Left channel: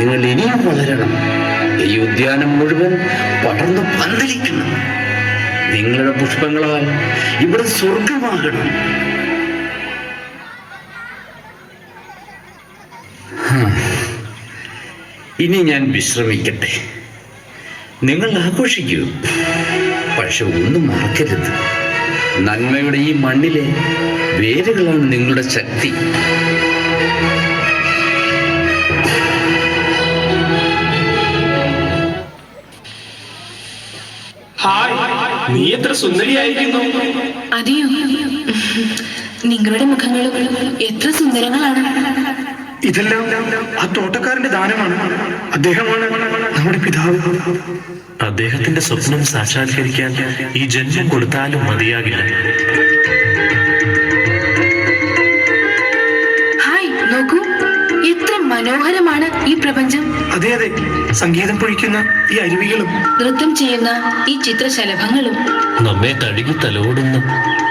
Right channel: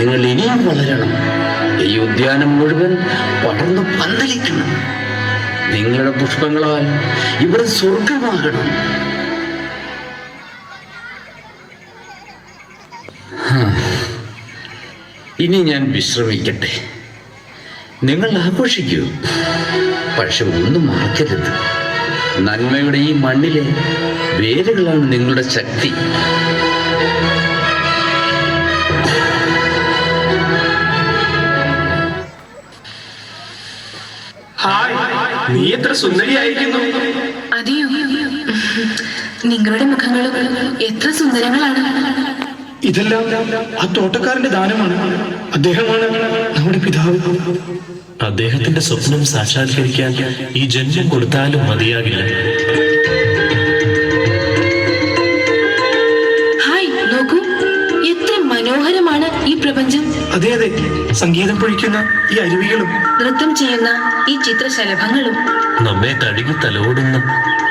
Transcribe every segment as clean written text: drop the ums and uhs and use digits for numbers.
നിങ്ങൾ ഇനിയും വളരണം. ഈ ഉദ്യാനം മുഴുവൻ പടർന്നു പന്തലിക്കണം. നിങ്ങളുടെ പുഷ്പങ്ങളാൽ ഇവിടെ സ്വർഗമാകണം. ഇനി ഞാൻ വിശ്രമിക്കട്ടെ. നിങ്ങൾ ആഘോഷിക്കൂ, പക്ഷെ ഒന്നും മറക്കരുത്. നന്മയുടെ ഈ മണ്ണിലെ വേരുകളാണ് നിങ്ങളുടെ ശക്തി. നീ എത്ര സുന്ദരിയായിരിക്കുന്നു. അതെയോ? നിങ്ങളുടെ മുഖങ്ങളും എത്ര സുന്ദരങ്ങളാണ്. ഇതെല്ലാം ആ തോട്ടക്കാരന്റെ ദാനമാണ്. അദ്ദേഹമാണ് നമ്മുടെ പിതാവ്. അദ്ദേഹത്തിന്റെ സ്വപ്നം സാക്ഷാത്കരിക്കാൻ ഈ ജന്മം കൊടുത്താലും മതിയാകില്ല. ഹായ്, നോക്കൂ, എത്ര മനോഹരമാണ് ഈ പ്രപഞ്ചം. അതെ അതെ, സംഗീതം പൊഴിക്കുന്ന ഈ അരുവികളും നൃത്തം ചെയ്യുന്ന ഈ ചിത്രശലഭങ്ങളും നമ്മെ തഴുകി തലോടുന്ന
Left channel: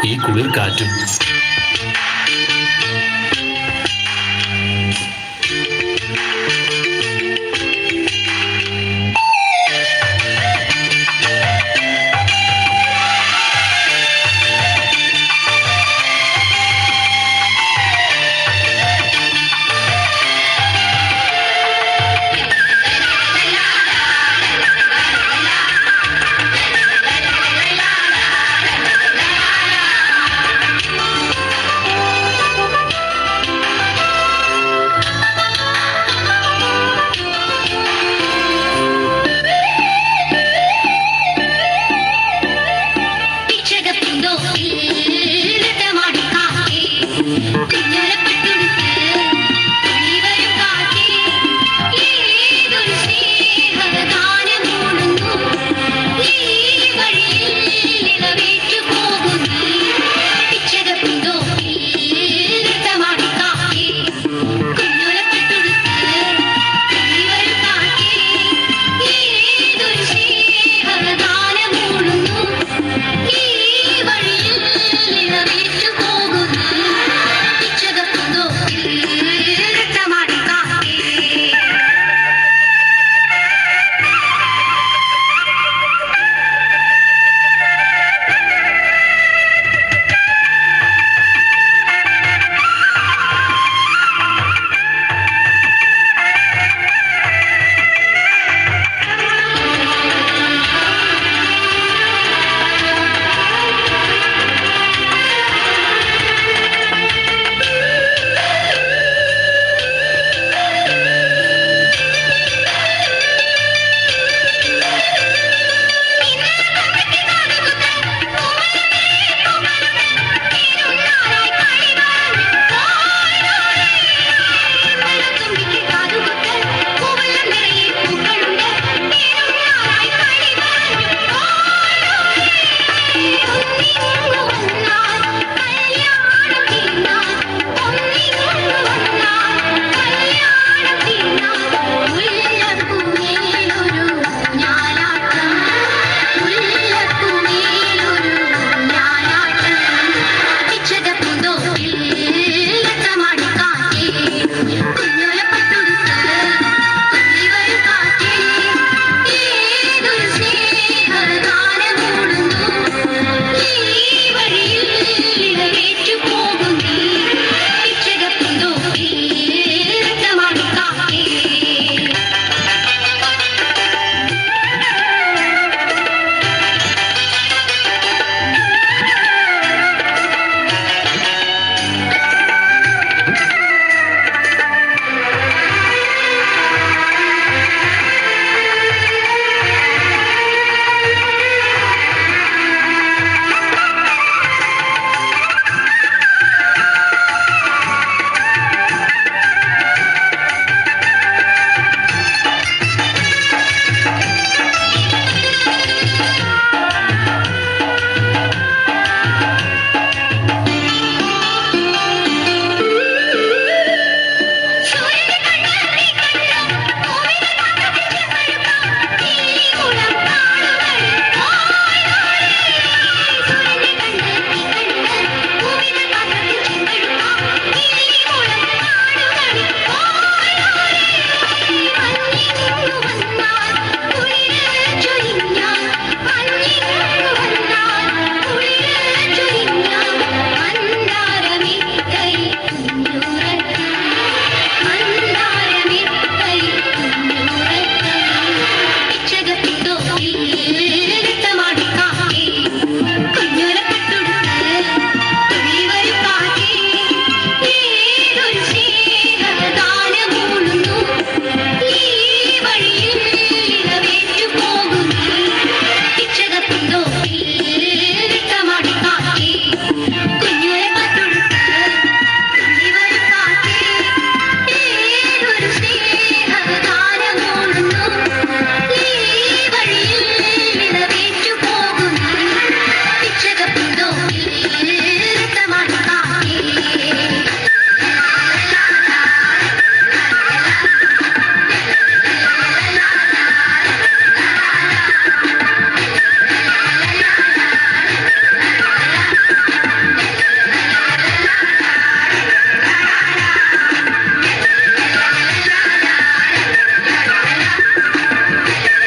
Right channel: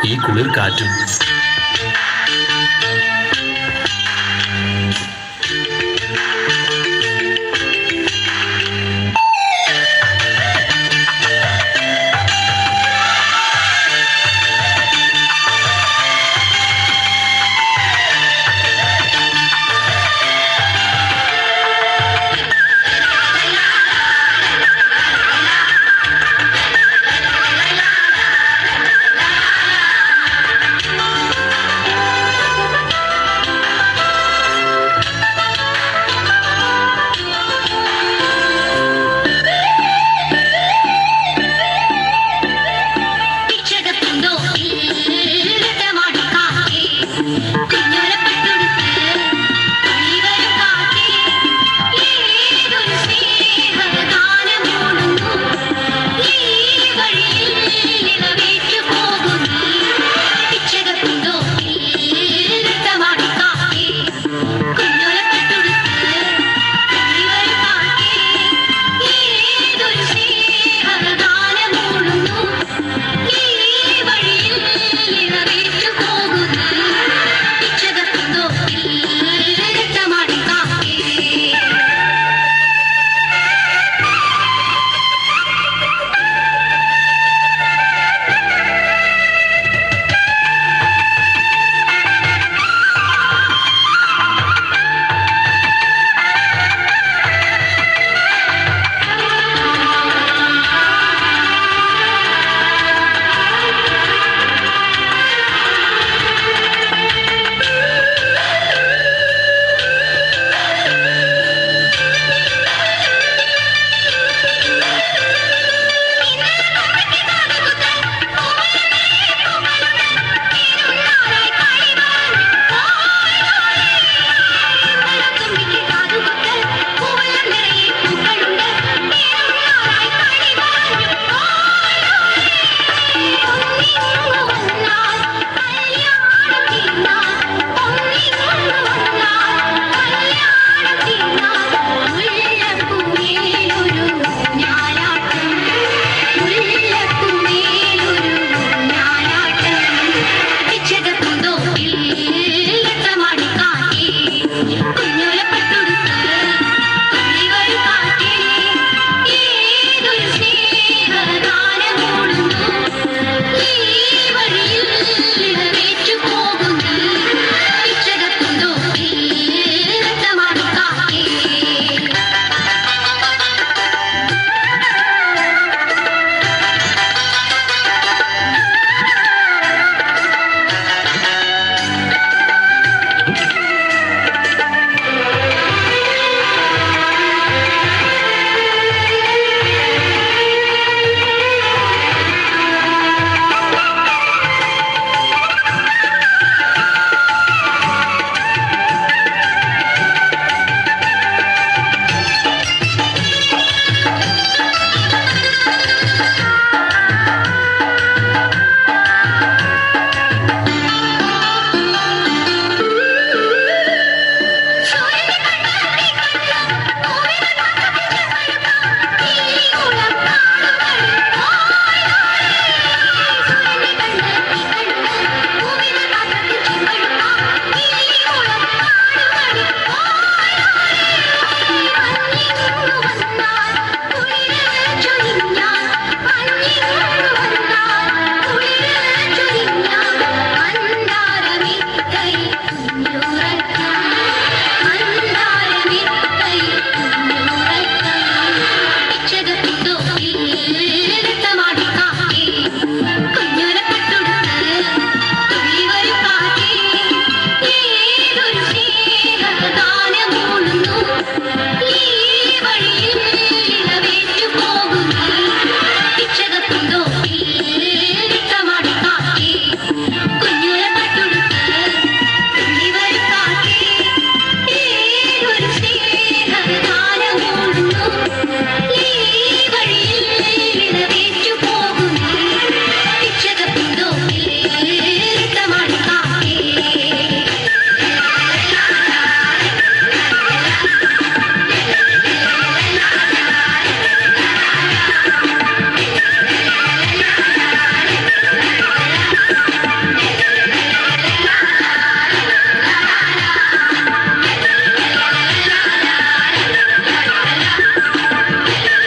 ഈ കുളിർ കാറ്റും.